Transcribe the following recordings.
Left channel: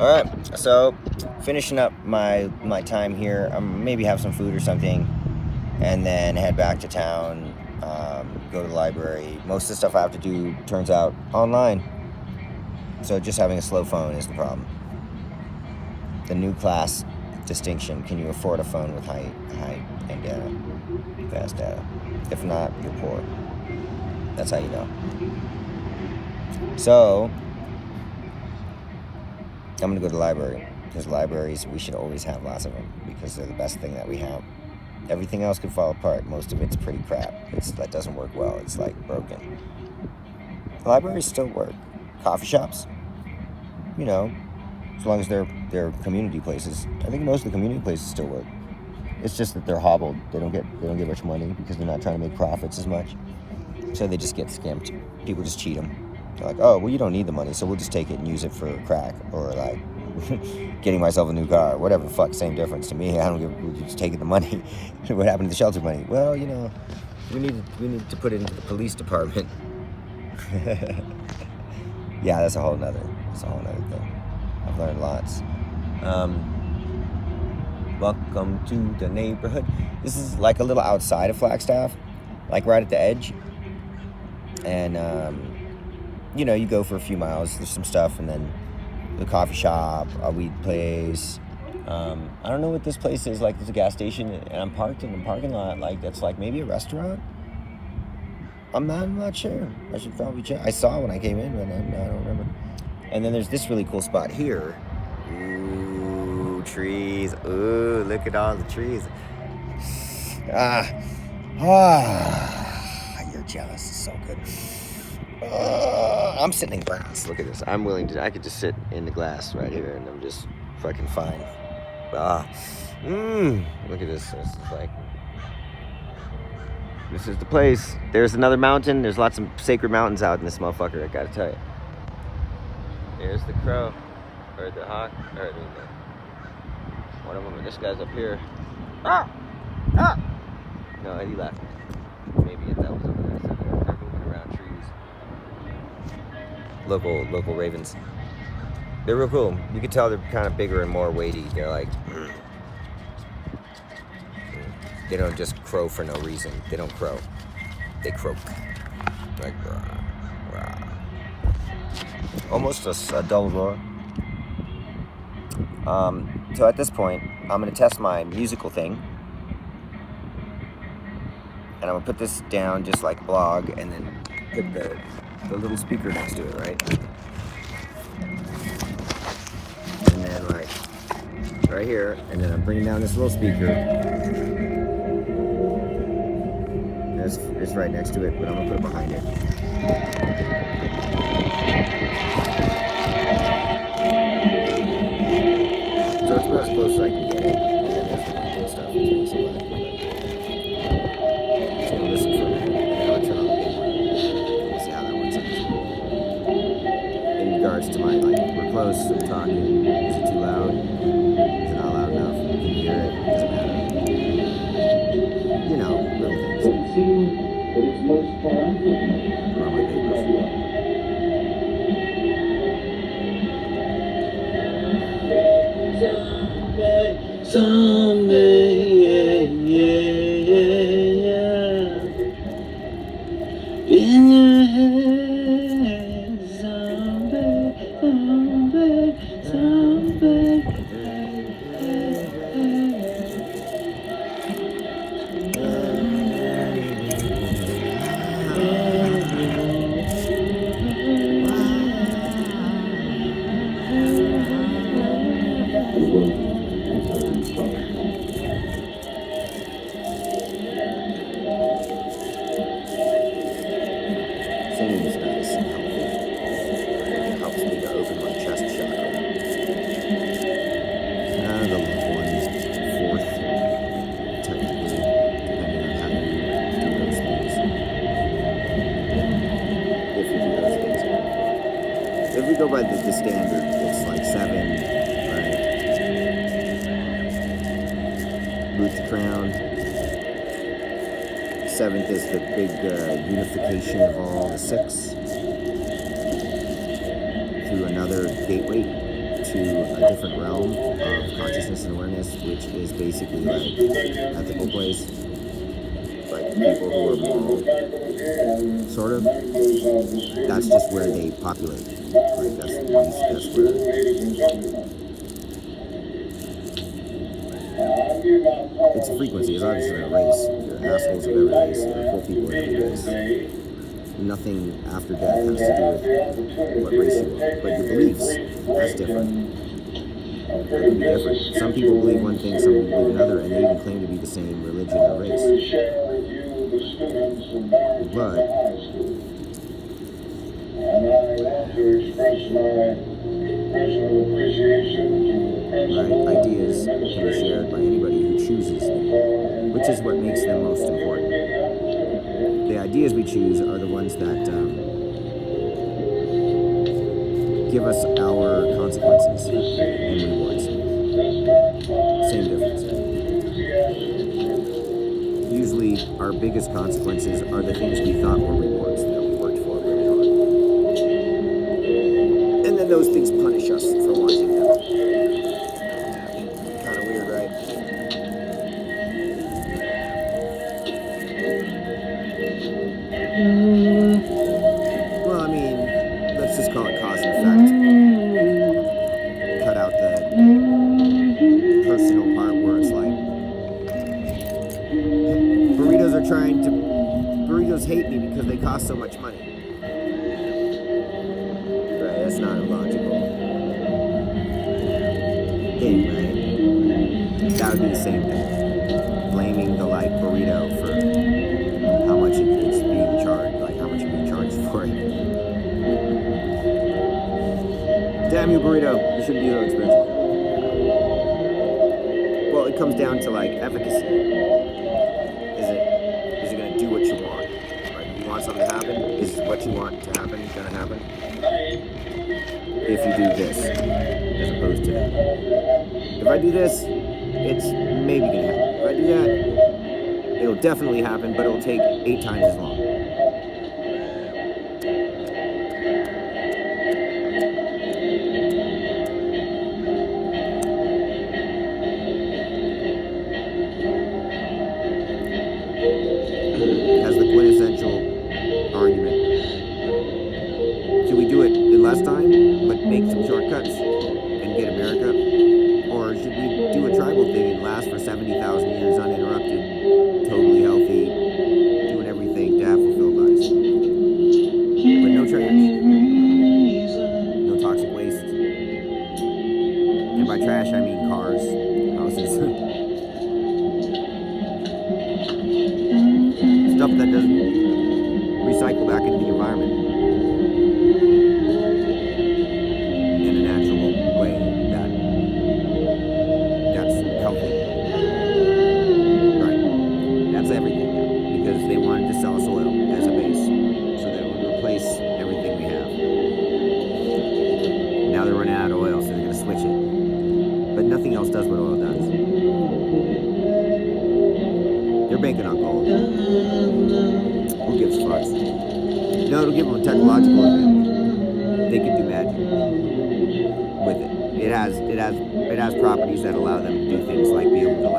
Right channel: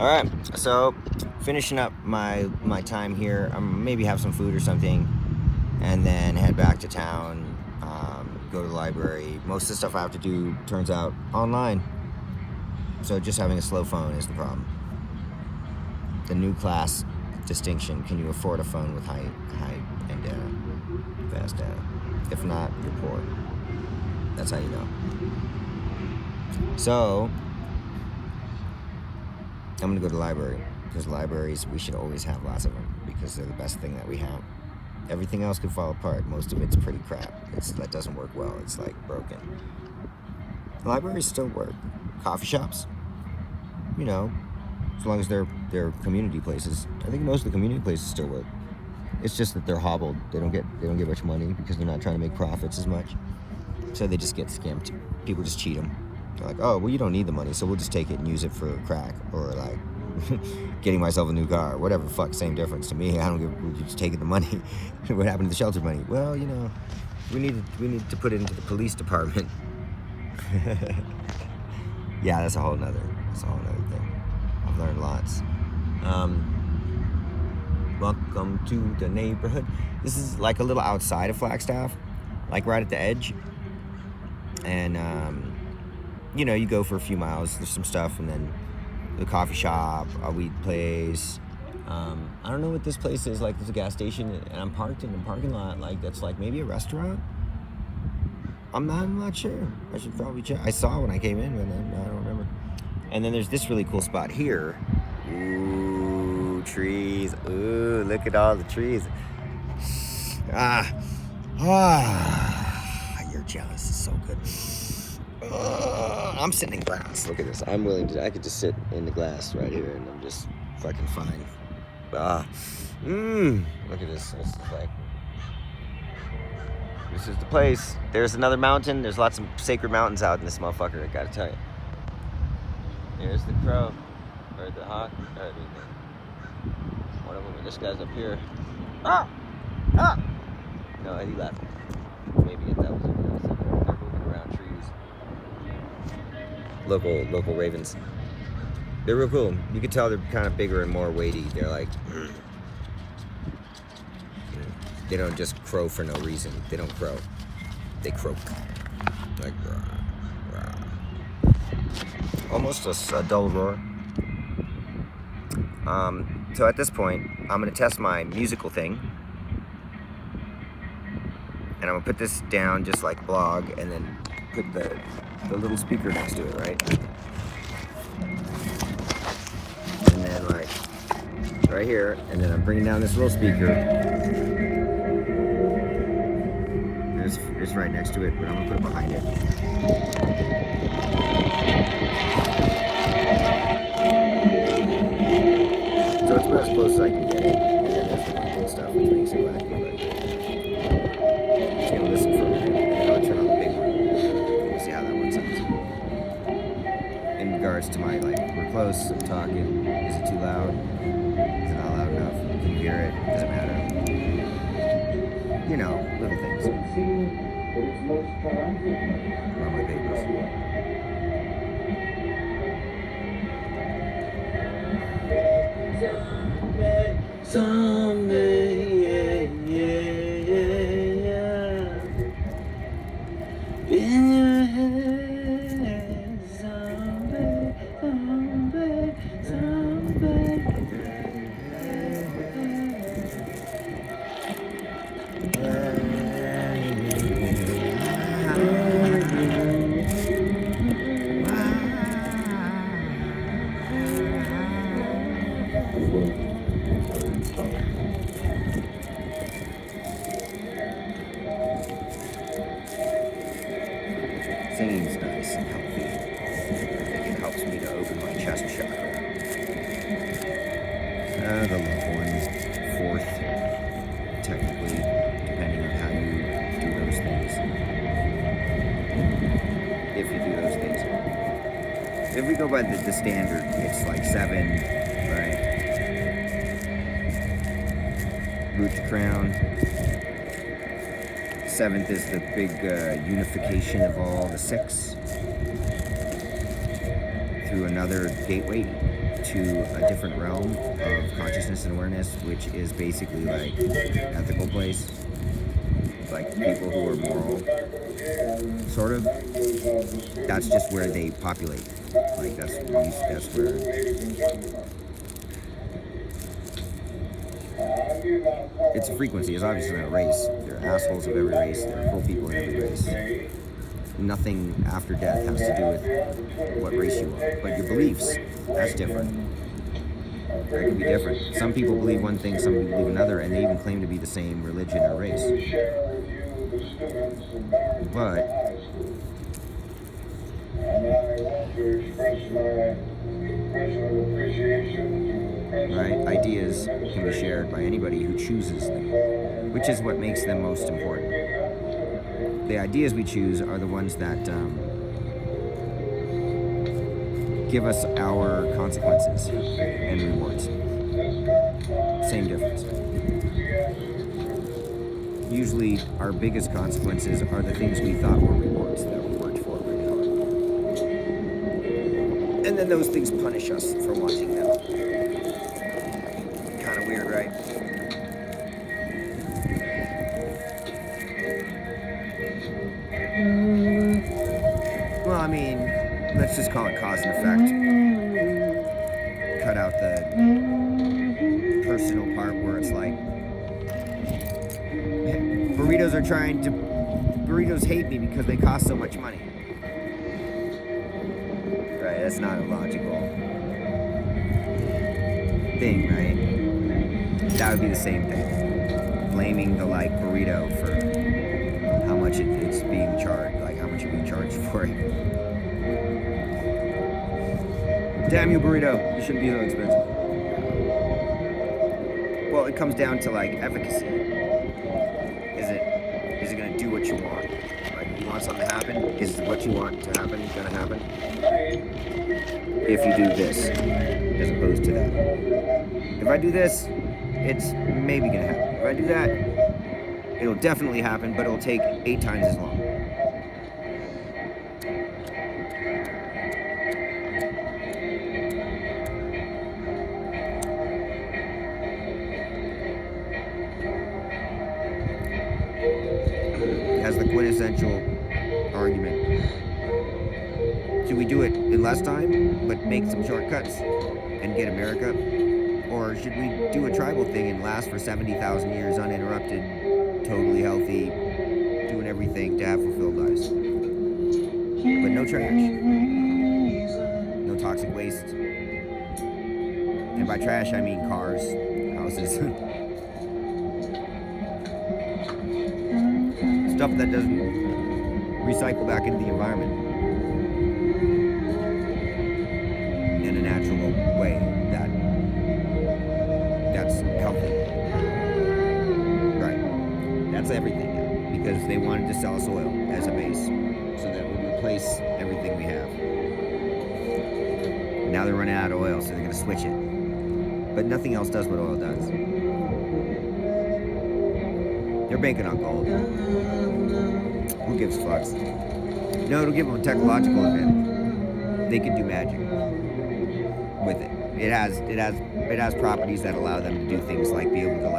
All right, so finishing up my time here. Maybe have some food or something, and then head back to town. Go to the library. Most of the stuff I have to do turns out online, so just having a slow phone is the problem. The new class distinction: can you afford a phone with high end data, fast data? If not, you're poor. That's how you know. So I'm gonna go to the library, because libraries, we should always have lots of them, because they're the best thing that we have. Everything else could fall apart. Most of it's pretty crap. That doesn't work well. It's like broken. Libraries still work. Coffee shops, as long as they're community places. I think most of the community places still work. It's just that they're hobbled. They don't get much money because they're not trying to make profits as much. So they just get skimped. People just cheat them. They're like, oh, well, you don't need the money, so we'll just take it and use it for crack, or like getting myself a new car, whatever. Fuck, same difference to me. I don't give. We're just taking the money. What happened to the shelter money? Well, we need to put it into the police department. Yeah, that's a whole nother thing. I've learned lots. Welcome to the neighborhood. This is like a little outside of Flagstaff, like right at the edge. And you go for a few miles. There's some stuff, and then the coffee shop, a weed place. I don't know what this place is. Like, there's a gas station, and I'm parked in the parking lot. Like, that's like maybe a restaurant. I'm not sure. I should probably check. I saw when I came in, but I don't remember. And then there's this really cool spot here. Ooh, trees. Ooh, look at all the trees. You're jealous. It's so good. I'm sitting in glass. Look at this. I could just sit in the glass right here, and I'm just fucking fine. Look at this. This is the place. There's another mountain. There's lots of sacred mountains out in this motherfucker, I gotta tell you. There's the crow. Or the hawk. Or this guy's up here. No, he left. Maybe that was local ravens. They're real cool. You can tell they're kind of bigger and more weighty. They're like, they don't just crow for no reason. They don't crow. They croak. Like, rah, rah. Almost a dull roar. So at this point, I'm gonna test my musical thing. And I'm gonna put this down just like blog, and then put the little speaker next to it, right? And then like right here, and then I'm bringing down this little speaker. It's right next to it, but I'm gonna put it behind it. So it's about as close as I can get it, and then there's the good stuff, which makes it wacky, but it's gonna listen for a minute, and then I'll turn on the big one. We'll see how that works out. In regards to my, we're close, I'm talking, is it too loud? Is it not loud enough? Can you hear it? Doesn't matter. Little things. Where are my papers? Someday, yeah. In your head, someday. Singing is nice and healthy. I think it helps me to open my chest chakra. The loved one, fourth, technically, depending on how you do those things. If you do those things. If we go by the standard, it's like 7, right? Root to crown. 7th is the big unification of all the 6 through another gateway into a different realm of consciousness and awareness, which is basically like ethical place, like people who are moral, sort of. That's just where they populate. Like that's where. It's a frequency. It's obviously not a race. There are assholes of every race. There are cool people in every race. Nothing after death has to do with what race you are. But your beliefs, that's different. They can be different. Some people believe one thing, some people believe another, and they even claim to be the same religion or race. But right, ideas can be shared by anybody who chooses them, which is what makes them most important. The ideas we choose are the ones that give us our consequences and rewards. Same difference. Usually our biggest consequences are the things we thought were rewards that we worked for really hard. And then those things punish us for wanting them. Kind of weird, right? Well, I mean, let's just call it cause and effect. Cut out the personal part where it's like, burritos hate me because they cost so much money. Right, that's not a logical thing, right? That would be the same thing. Blaming the burrito for how much it's being charged, how much you're being charged for it. Damn you, burrito, you shouldn't be so expensive. Well, it comes down to efficacy. Is it gonna do what you want? Like, you want something to happen? Is what you want to happen gonna happen? If you do this, as opposed to that. If I do this, it's maybe gonna happen. If I do that, it'll definitely happen, but it'll take 8 times as long. As the quintessential argument. Should we do it in less time, but make some shortcuts and get America? Or should we do a tribal thing and last for 70,000 years uninterrupted, totally healthy, doing everything to have fulfilled lives? But no trash. No toxic waste. And by trash, I mean cars, houses. Stuff that doesn't recycle back into the environment in a natural way that's healthy. Right. That's everything now. Because they wanted to sell us oil as a base so that it would replace everything we have. Now they're running out of oil, so they're going to switch it. But nothing else does what oil does. They're banking on gold. Who gives fucks? No, it'll give them a technological advantage. They can do magic with it. It has properties that allow them to do things like be able to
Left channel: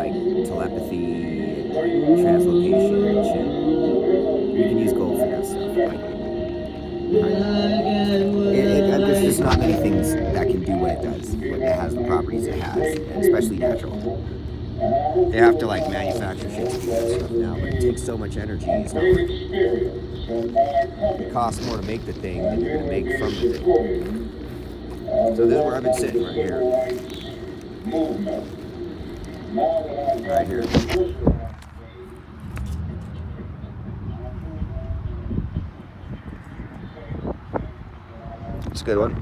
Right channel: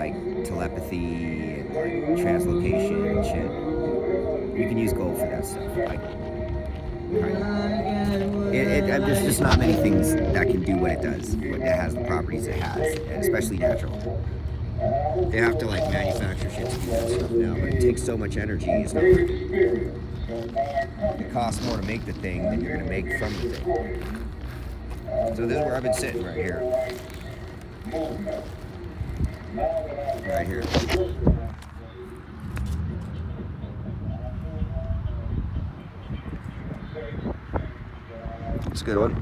telepathy and translocation and shit. You can use gold for that stuff. There's just not many things that can do what it does. What it has the properties it has, and especially natural. They have to manufacture shit to do that stuff now, but it takes so much energy. It's not worth it. It costs more to make the thing than you're gonna make from the thing. So this is where I've been sitting right here. Right here. It's a good one.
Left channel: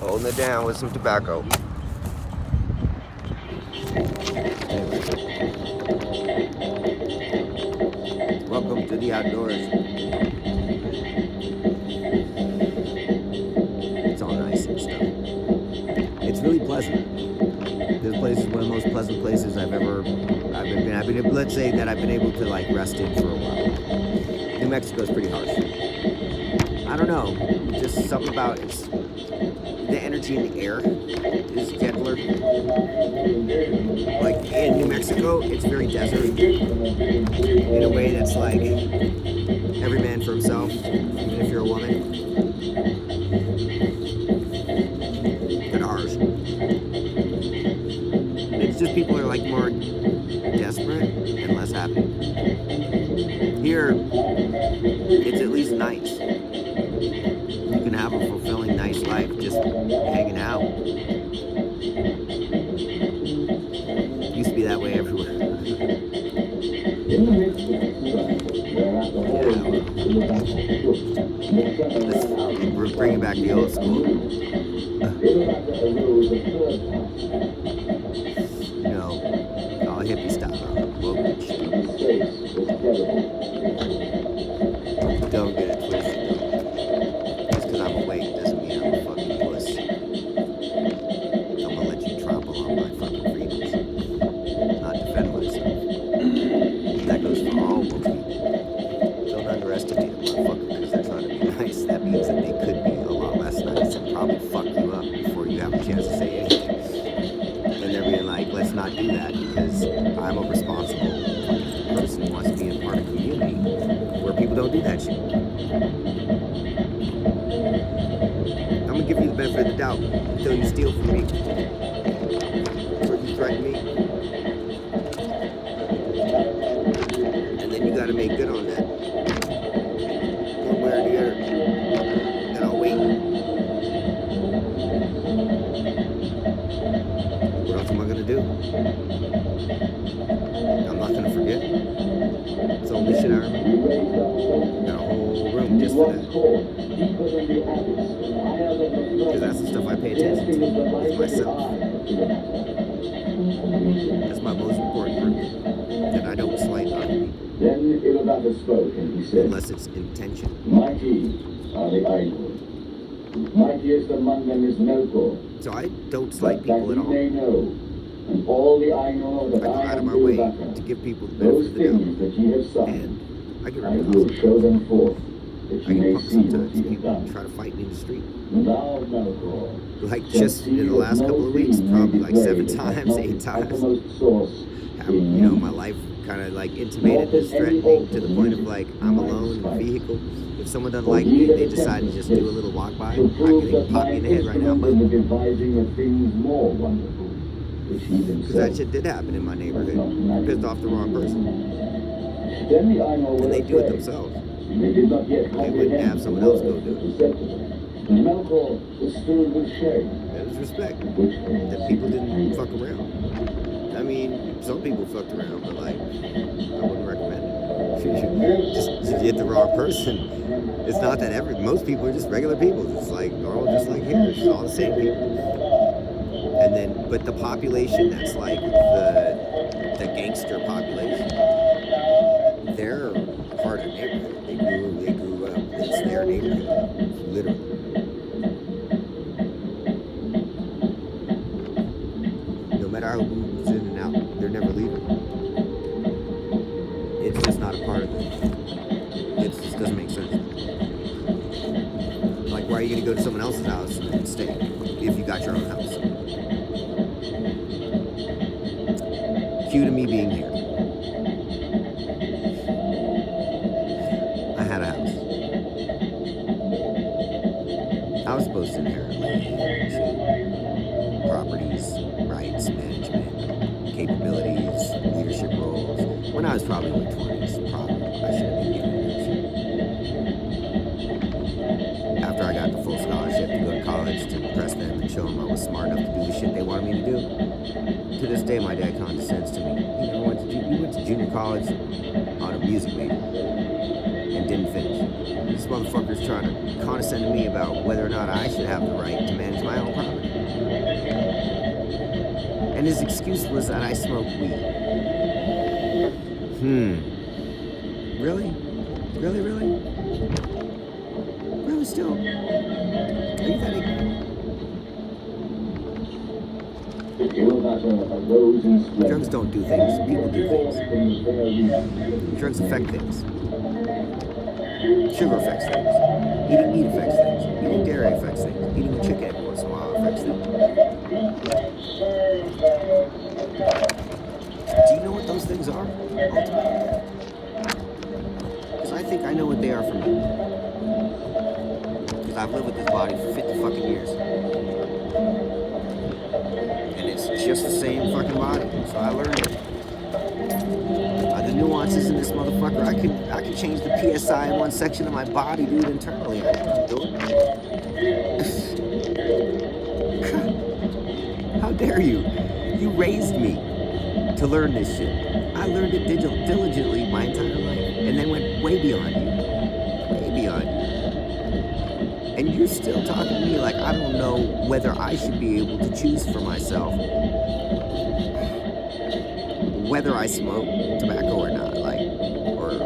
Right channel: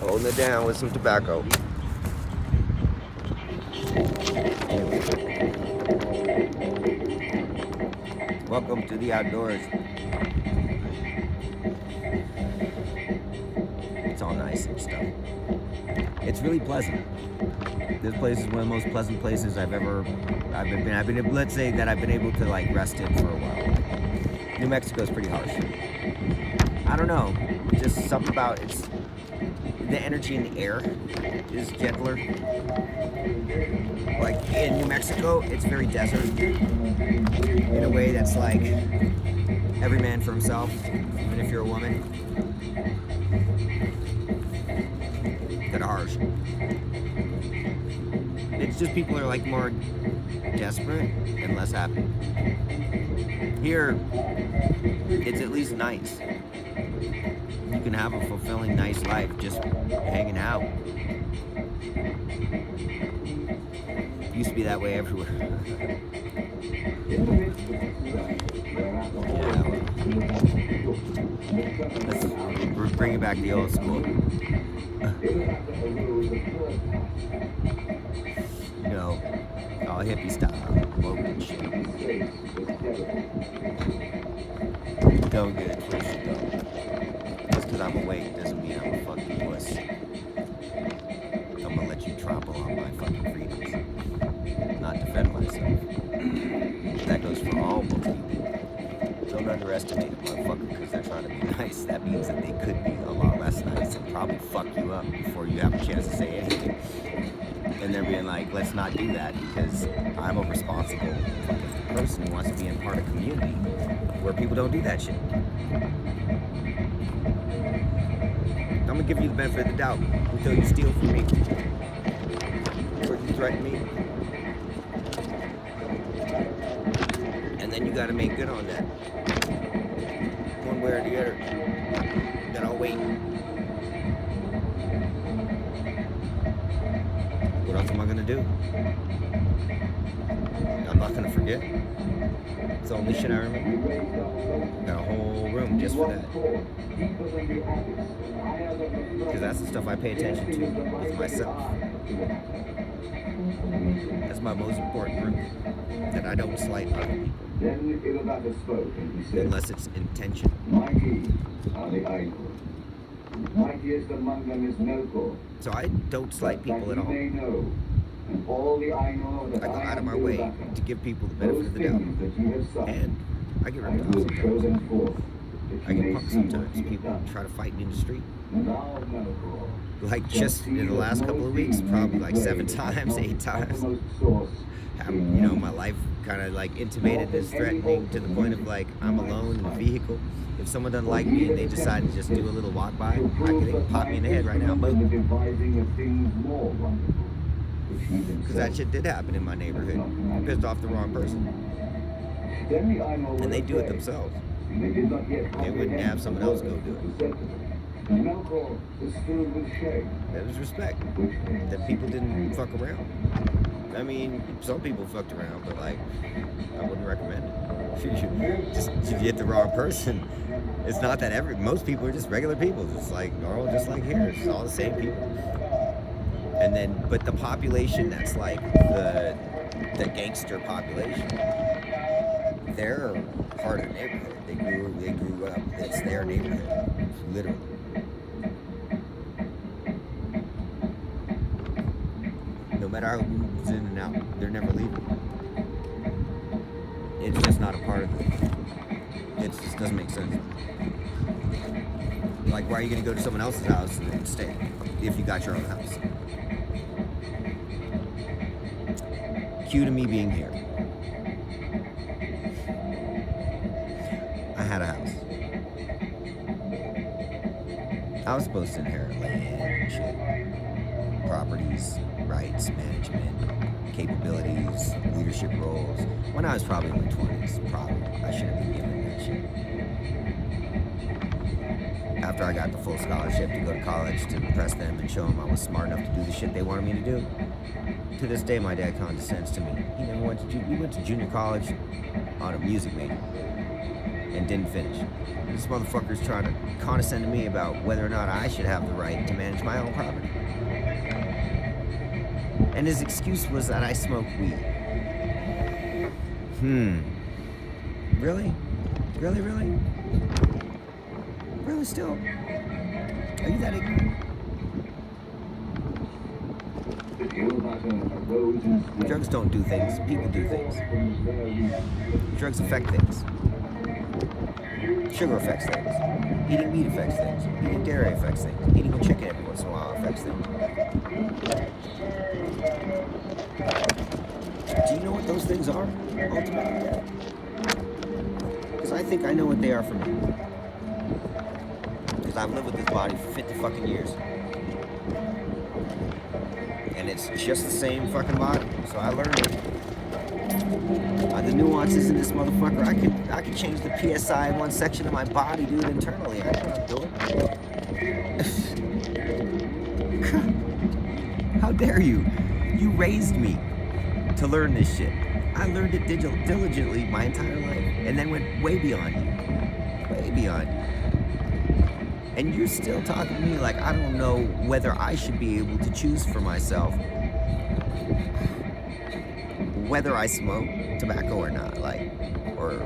Holding it down with some tobacco. Anyway. Welcome to the outdoors. It's all nice and stuff. It's really pleasant. This place is one of the most pleasant places I've been. Let's say that I've been able to rest in for a while. New Mexico is pretty harsh. I don't know, just something about it's the energy in the air is gentler. Like in New Mexico, it's very desert in a way that's like every man for himself, even if you're a woman. Kind of harsh. It's just people are like more desperate and less happy. Here, it's at least nice. You can have a fulfilling, nice life just hanging out. Used to be that way everywhere. Yeah, well. Let's bring it back to the old school. You know, all hippie style, woke and shit. Don't get it twisted though. Just because I'm awake doesn't mean I'm a fucking puss. I'm gonna let you trample on my fucking freedoms. Not defend myself. That goes for all woke people. Don't underestimate a motherfucker because they're trying to be nice. That means that they could be a lot less nice and probably fuck you up before you have a chance to say anything. And they're being like, let's not do that because I'm a responsible fucking person who wants to be in part of a community where people don't do that shit. I'm gonna give you the benefit of the doubt until you steal from me or you threaten me. And then you gotta make good on that. One way or the other. Then I'll wait. What else am I gonna do? I'm not gonna forget. It's the only shit I remember. Got a whole room just for that. Because that's the stuff I pay attention to with myself. That's my most important room. That I don't slight other people. Unless it's intentional. Mighty are the idols. Mightiest among them is Melkor. So I don't slight people at all. And all the I go out of my way to give people the benefit of the doubt. And I get ripped off sometimes. I get punked sometimes. People try to fight me in the street. Like just in the last couple of weeks, probably like 7 times, 8 times. You know, my life kind of like intimated as threatening to the point of like I'm alone in a vehicle. If someone doesn't like me and they decide to just do a little walk by, they can pop me in the head right now. Because that shit did happen in my neighborhood. I pissed off the wrong person. And they do it themselves. They wouldn't have someone else go do it. That was respect. That people didn't fuck around. I mean, some people fucked around, but like, I wouldn't recommend it. Just if you hit the wrong person, it's not that most people are just regular people. It's like normal, just like here. It's all the same people. And then, but the population that's like the gangster population, they're part of the neighborhood. They grew up. It's their neighborhood, literally. No matter how moves in and out, they're never leaving. It's just not a part of it. It just doesn't make sense. Like, why are you going to go to someone else's house and stay if you got your own house? Cue to me being here. I had a house. I was supposed to inherit land, shit, properties, rights, management, capabilities, leadership roles. When I was probably in my 20s, probably I should have been given that shit. After I got the full scholarship to go to college to impress them and show them I was smart enough to do the shit they wanted me to do. To this day, my dad condescends to me. He went to junior college on a music major and didn't finish. This motherfucker's trying to condescend to me about whether or not I should have the right to manage my own property. And his excuse was that I smoke weed. Really? Really, really? Really still? Are you that ignorant? Drugs don't do things. People do things. Drugs affect things. Sugar affects things. Eating meat affects things. Eating dairy affects things. Eating a chicken every once in a while affects things. Do you know what those things are, ultimately? Because I think I know what they are for me. Because I've lived with this body for 50 fucking years. And it's just the same fucking body. So I learned it. The nuances in this motherfucker, I can change the PSI in one section of my body, dude, internally. I know what I'm doing. How dare you? You raised me to learn this shit. I learned it diligently my entire life, and then went way beyond you. Way beyond you. And you're still talking to me like I don't know whether I should be able to choose for myself whether I smoke tobacco or not, like, or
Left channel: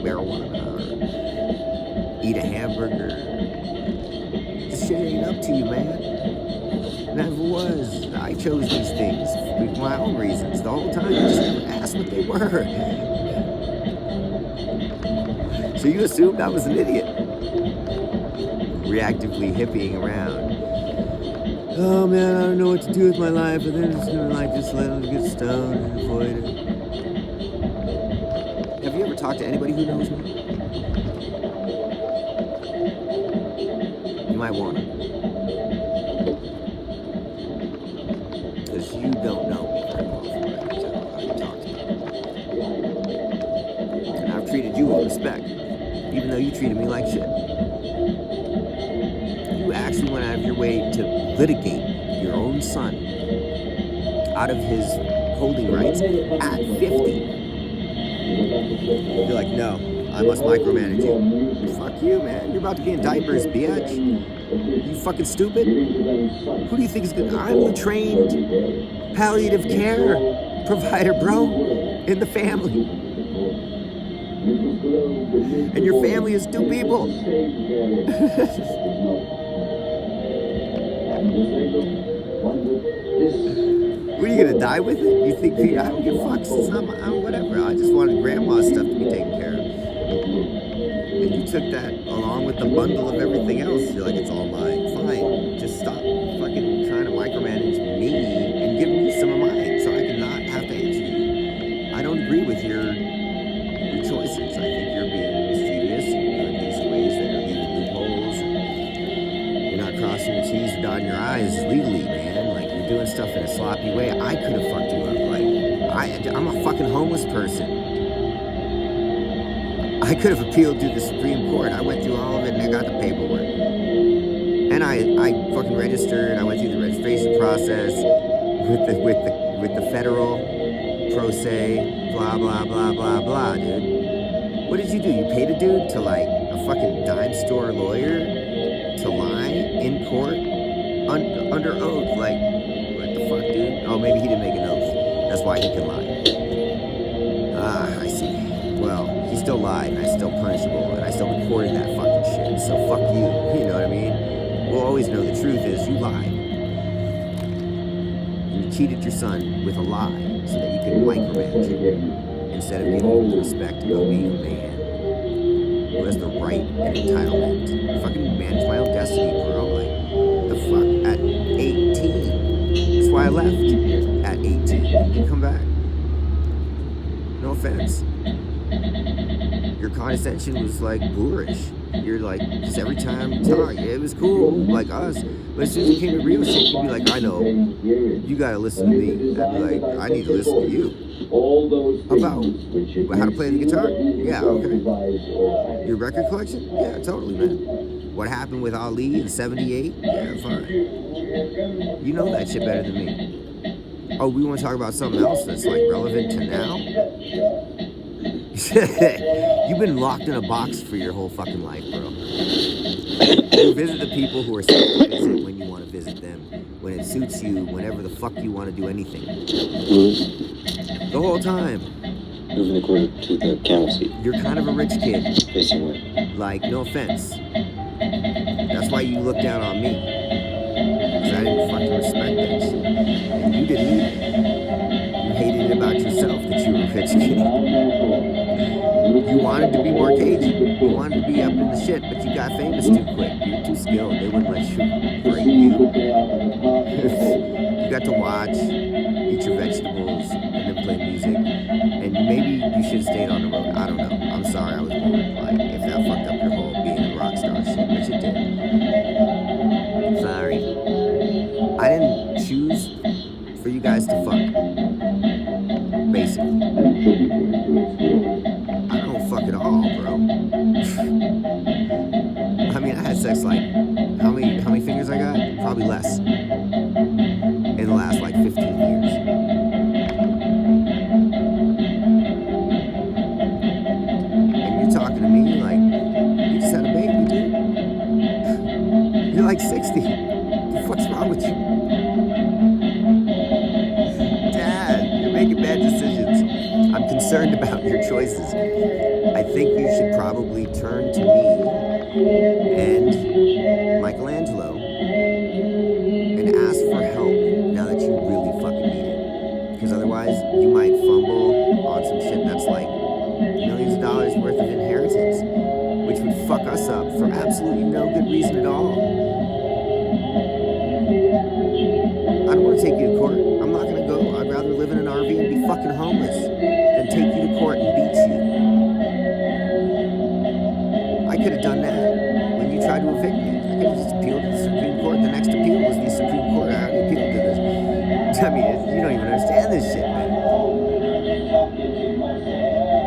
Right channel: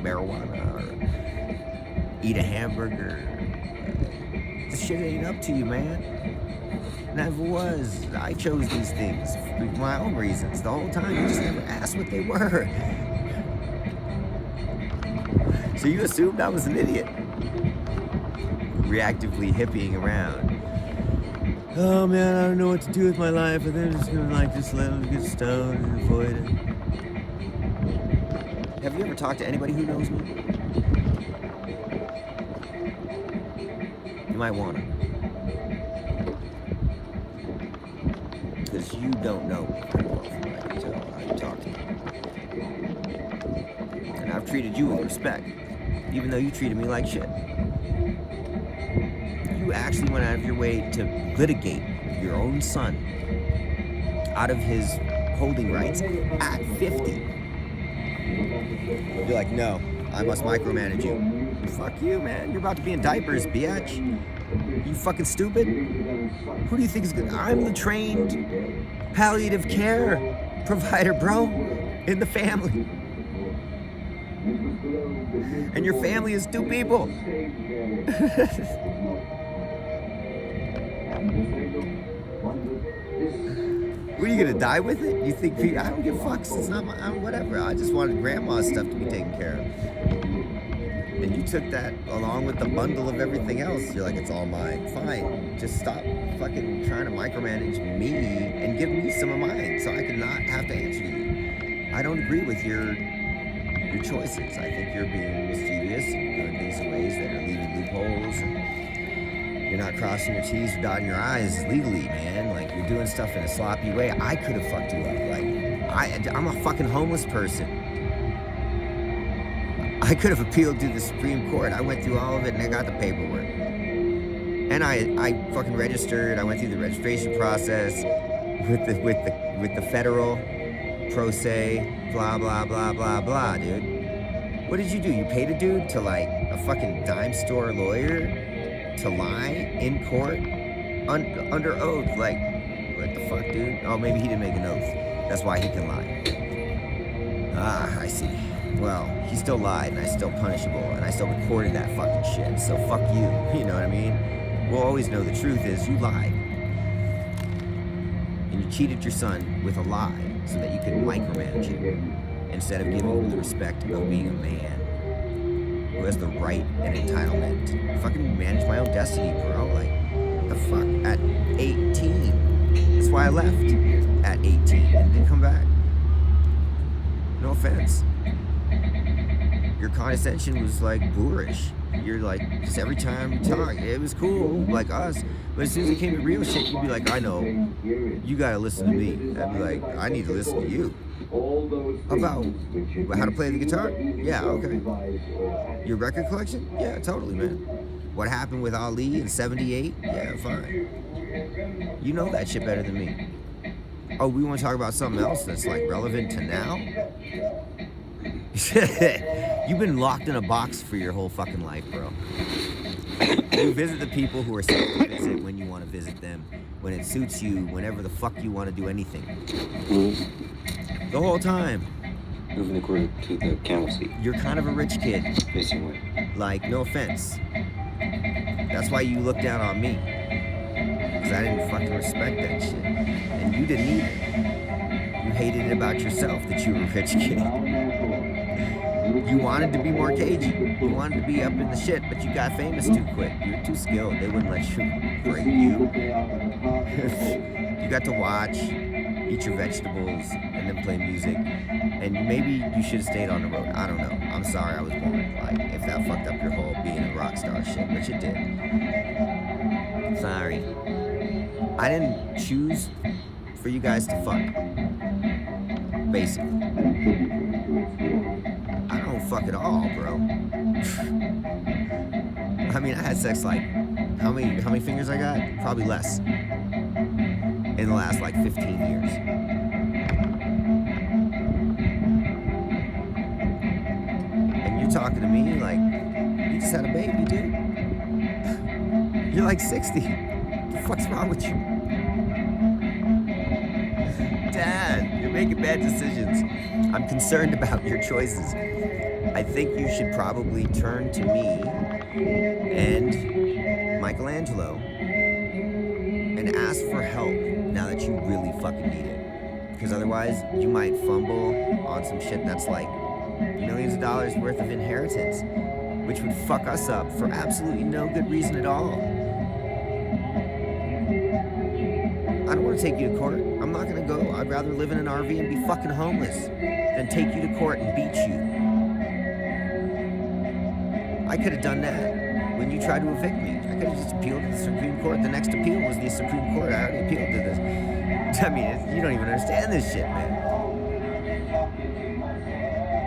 marijuana, or eat a hamburger. This shit ain't up to you, man. Never was. I chose these things for my own reasons. The whole time, you just never asked what they were. So you assumed I was an idiot. Reactively hippieing around. Oh man, I don't know what to do with my life, and then I'm just gonna just let them get stoned and avoid it. Have you ever talked to anybody who knows me? You might wanna. Because you don't know me very well from what I can tell how you talk to me. And I've treated you with respect, even though you treated me like shit. You actually went out of your way to litigate your own son out of his holding rights at 50. You're like, no, I must micromanage you. Fuck you, man. You're about to be in diapers, bitch. You fucking stupid? Who do you think is good? I'm the trained palliative care provider, bro, in the family. And your family is 2 people. What, are you gonna die with it? You think, I don't give fucks, it's not my, whatever. I just wanted grandma's stuff to be taken care of. And you took that along with the bundle of everything else. You're like, it's all mine. Fine, just stop fucking trying to micromanage me and give me some of mine so I can not have to answer you. I don't agree with your choices. I think you're being mischievous and you're doing things in ways that are leaving loopholes. And you're not crossing your T's or dotting your I's legally, man. Like, you're doing stuff in a sloppy way. I could have fucked you up. Like, I'm a fucking homeless person. I could have appealed to the Supreme Court. I went through all of it and I got the paperwork. And I fucking registered. I went through the registration process with the federal pro se, blah, blah, blah, blah, blah, dude. What did you do? You paid a dude to, like, a fucking dime store lawyer to lie in court under oath? Like, what the fuck, dude? Oh, maybe he didn't make an oath. That's why he can lie. Ah, I see. Well, he still lied, and I still punishable, and I still recorded that fucking shit. So fuck you. You know what I mean? We'll always know the truth is you lied. And you cheated your son with a lie so that you could micromanage him instead of giving him the respect of being a man who has the right and entitlement to fucking manage my own destiny, bro. Like, the fuck? At 18. That's why I left at 18 and didn't come back. No offense. Your condescension was like boorish. You're like, just every time you talk, it was cool, like us. But as soon as it came to real shit, you'd be like, I know, you gotta listen to me. I'd be like, I need to listen to you. About how to play the guitar? Yeah, okay. Your record collection? Yeah, totally, man. What happened with Ali in 78? Yeah, fine. You know that shit better than me. Oh, we want to talk about something else that's like relevant to now? You've been locked in a box for your whole fucking life, bro. You visit the people who are safe to visit when you want to visit them, when it suits you, whenever the fuck you want to do anything. The whole time. Moving the quarter to the camel seat. You're kind of a rich kid. Facing where? Like, no offense. That's why you look down on me. Because I didn't fucking respect that shit. And you didn't either. You hated it about yourself that you were a rich kid. You wanted to be more cagey. You wanted to be up in the shit, but you got famous too quick. You're too skilled. They wouldn't let you break you. You got to watch, eat your vegetables, and then play music. And maybe you should have stayed on the road. I don't know. I'm sorry I was born. Like, if that fucked up your whole being a rock star shit, which it did. Sorry. I didn't choose for you guys to fuck. Basically. I don't fuck at all, bro. I mean, I had sex like, how many fingers I got? Probably less. In the last like 15 years. And you're talking to me like, you just had a baby, dude. You're like 60. What the fuck's wrong with you? Dad, you're making bad decisions. I'm concerned about your choices. I think you should probably turn to me and Michelangelo and ask for help now that you really fucking need it. Because otherwise, you might fumble on some shit that's like millions of dollars worth of inheritance, which would fuck us up for absolutely no good reason at all. I don't want to take you to court. I'm not going to go. I'd rather live in an RV and be fucking homeless than take you to court and beat you. I could have done that when you tried to evict me. I could have just appealed to the Supreme Court. The next appeal was the Supreme Court. I already appealed to this. I mean, you don't even understand this shit, man.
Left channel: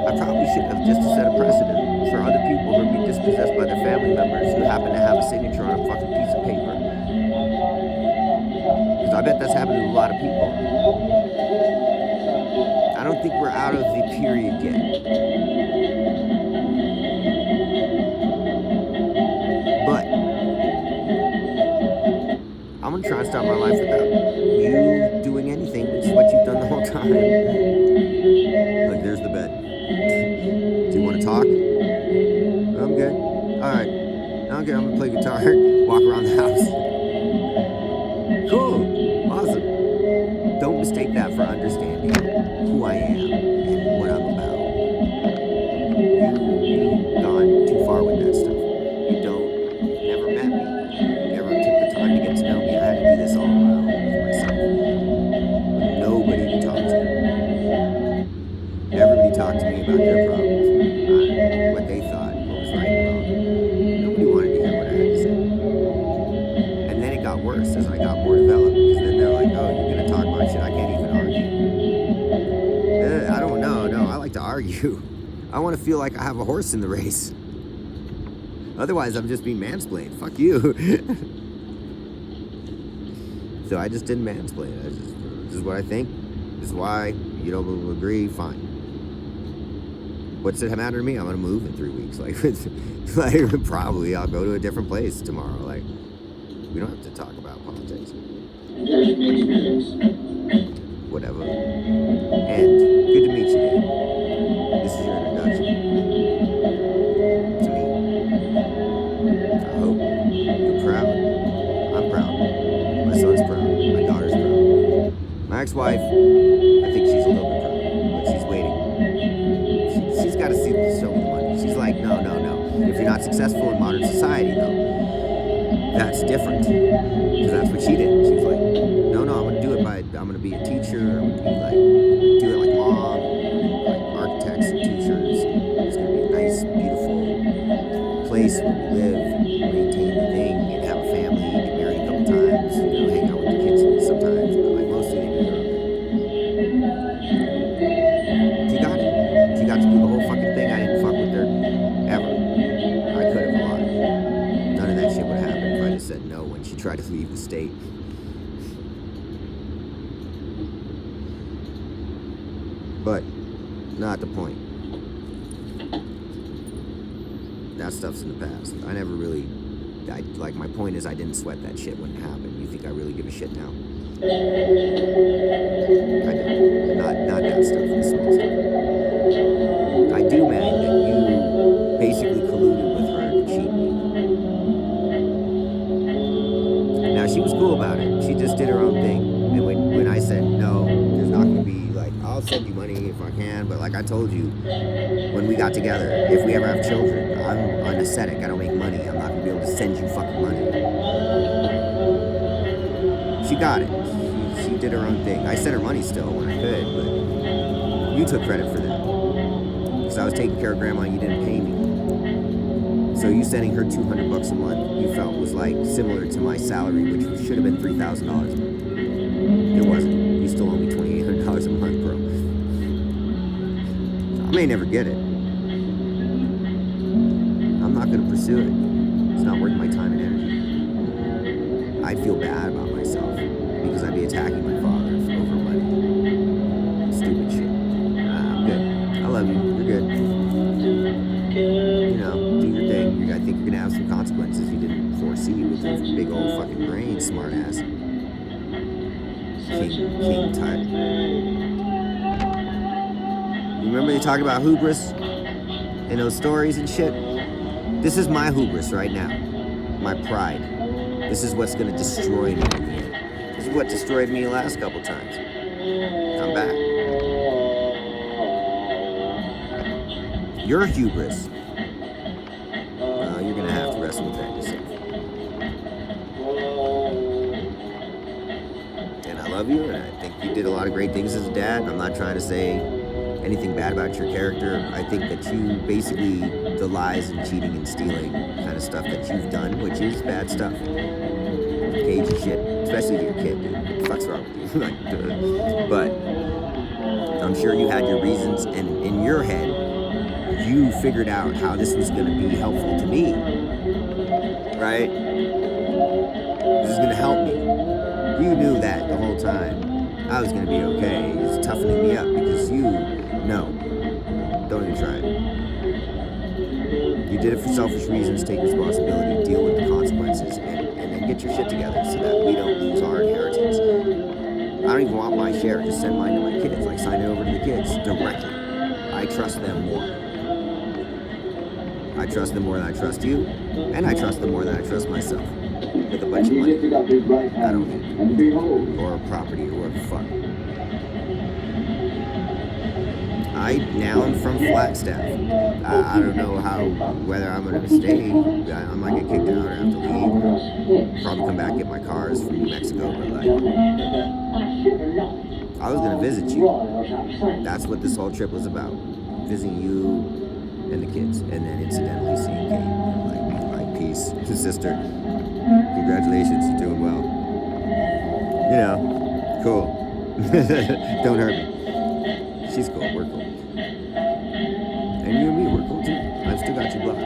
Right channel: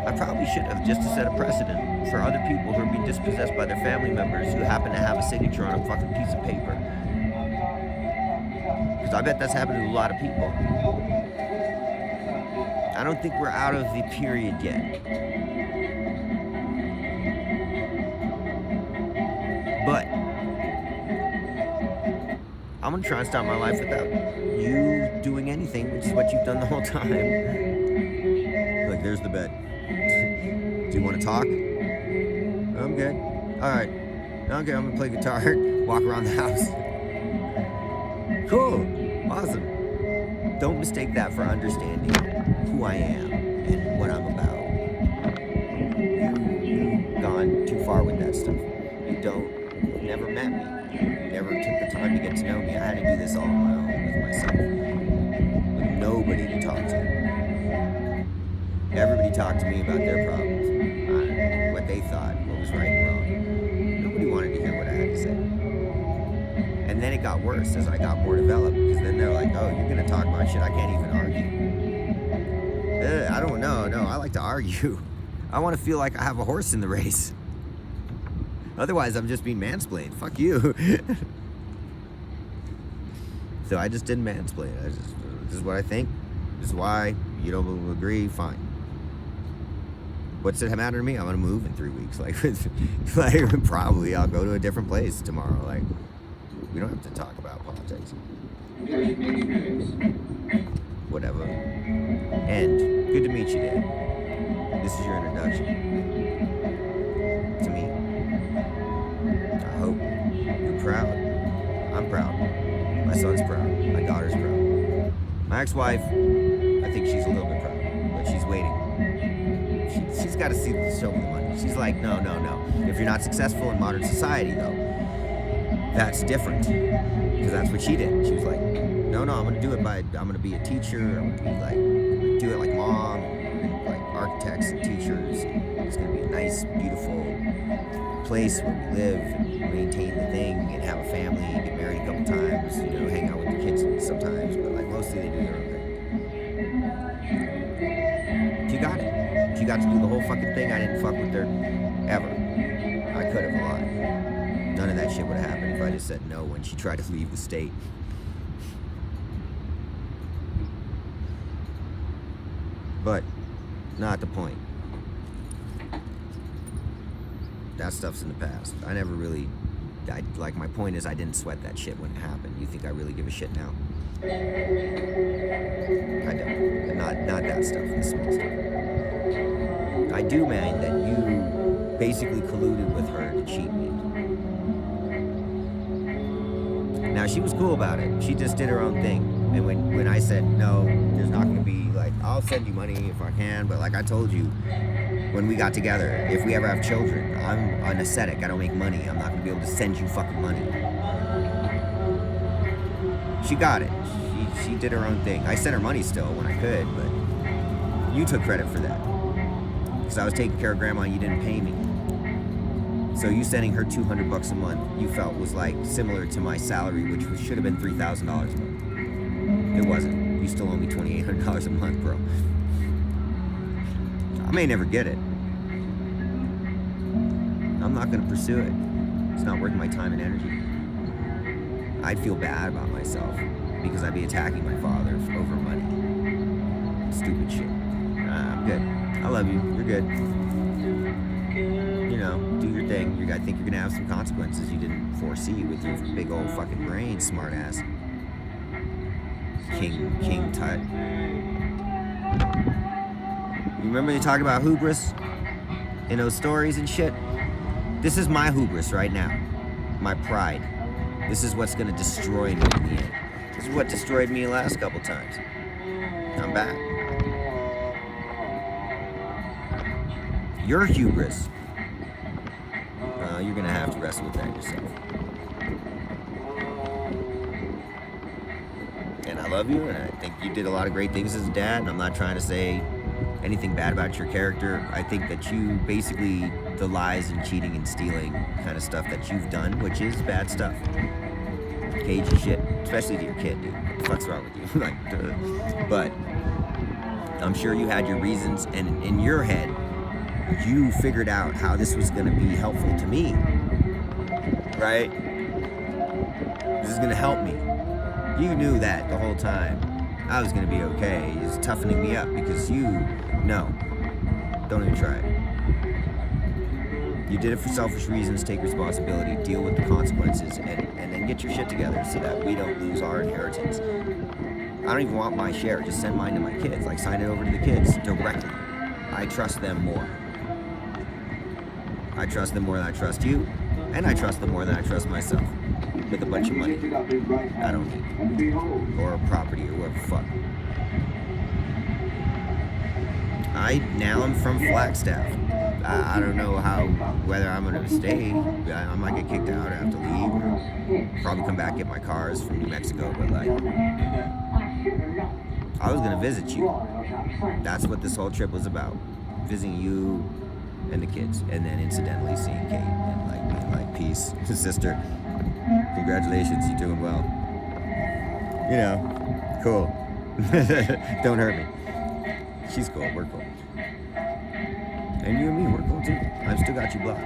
I probably should have, just to set a precedent for other people who are being dispossessed by their family members who happen to have a signature on a fucking piece of paper. Because I bet that's happened to a lot of people. I don't think we're out of the period yet. But I'm gonna try and start my life without you doing anything, which is what you've done the whole time. Like, there's the bed. Do you want to talk? I'm good. All right. Okay, I'm gonna play guitar, walk around the house. Cool. Awesome. Don't mistake that for understanding who I am and what I'm about. You've gone too far with that stuff. You've never met me. You never took the time to get to know me. I had to do this all on my own with myself. With nobody to talk to. Everybody talked to me about their problems, what they thought, what was right and wrong. Nobody wanted to hear what I had to say. And then it got worse as I got more developed, because then they're like, oh, you're going to talk about shit I can't even argue. I don't know. No, I like to argue. I want to feel like I have a horse in the race. Otherwise, I'm just being mansplained. Fuck you. So I just didn't mansplain. This is what I think. This is why. You don't agree, fine. What's it matter to me? I'm gonna move in 3 weeks. Like probably I'll go to a different place tomorrow. Like, we don't have to talk about politics. Whatever. And good to meet you, Dad. This is your introduction to me. I hope you're proud. I'm proud. My son's proud. My daughter's proud. My ex-wife, I think she's a little bit proud, but she's waiting. She's got to show me the money. She's like, no. If you're not successful in modern society, though, that's different. Because that's what she did. She was like, no, I'm going to do it I'm going to be a teacher. I'm going to be like, do it like mom, like architects and teachers. It's going to be a nice, beautiful place where we live and maintain the thing and have a family, get married a couple times, hang out with the kids sometimes, but like mostly they do their own thing. She got it. She got to do the whole fucking thing. I didn't fuck with her ever. I could have a lot. None of that shit would have happened if I just said no when she tried to leave the state. But not the point. That stuff's in the past. I never really, my point is I didn't sweat that shit when it happened. You think I really give a shit now? I don't. Not that stuff, the small stuff. I do, man, that you basically colluded with her to cheat me. Now, she was cool about it. She just did her own thing. And when I said, no, there's not going to be like, I'll I'll send you money if I can, but like I told you when we got together, if we ever have children, I'm an ascetic. I don't make money. I'm not gonna be able to send you fucking money. She got it. She did her own thing. I sent her money still when I could, but you took credit for that because I was taking care of grandma. You didn't pay me. So you sending her $200 a month, you felt was like similar to my salary, which should have been $3,000 a month. It wasn't. You still owe me $2,800 a month, bro. I may never get it. I'm not gonna pursue it. It's not worth my time and energy. I'd feel bad about myself because I'd be attacking my father over money. Stupid shit. I'm good. I love you. You're good. You know, do your thing. I think you're gonna have some consequences you didn't foresee with your big old fucking brain, smart ass. King Tut. You remember they talk about hubris in those stories and shit? This is my hubris right now. My pride. This is what's gonna destroy me in the end. This is what destroyed me the last couple times. I'm back. Your hubris. You're gonna have to wrestle with that yourself. And I love you, and I think you did a lot of great things as a dad, and I'm not trying to say anything bad about your character. I think that you basically, the lies and cheating and stealing kind of stuff that you've done, which is bad stuff. Cagey shit, especially to your kid, dude. What the fuck's wrong with you? Like, duh. But I'm sure you had your reasons, and in your head, you figured out how this was going to be helpful to me, right? This is going to help me. You knew that the whole time. I was going to be okay. It's toughening me up because no, don't even try it. You did it for selfish reasons. Take responsibility, deal with the consequences, and then get your shit together so that we don't lose our inheritance. I don't even want my share. Just send mine to my kids. Like, sign it over to the kids directly. I trust them more. I trust them more than I trust you, and I trust them more than I trust myself. With a bunch of money I don't need, or property, or whatever fuck. Now I'm from Flagstaff. I don't know whether I'm gonna stay. I might get kicked out or have to leave, or probably come back and get my cars from New Mexico. But like, I was gonna visit you. That's what this whole trip was about. Visiting you and the kids, and then incidentally seeing Kate and like being like, peace, sister. Congratulations, you're doing well. You know, cool. Don't hurt me. She's cool, we're cool. And you and me, we're cool too. I've still got you blocked.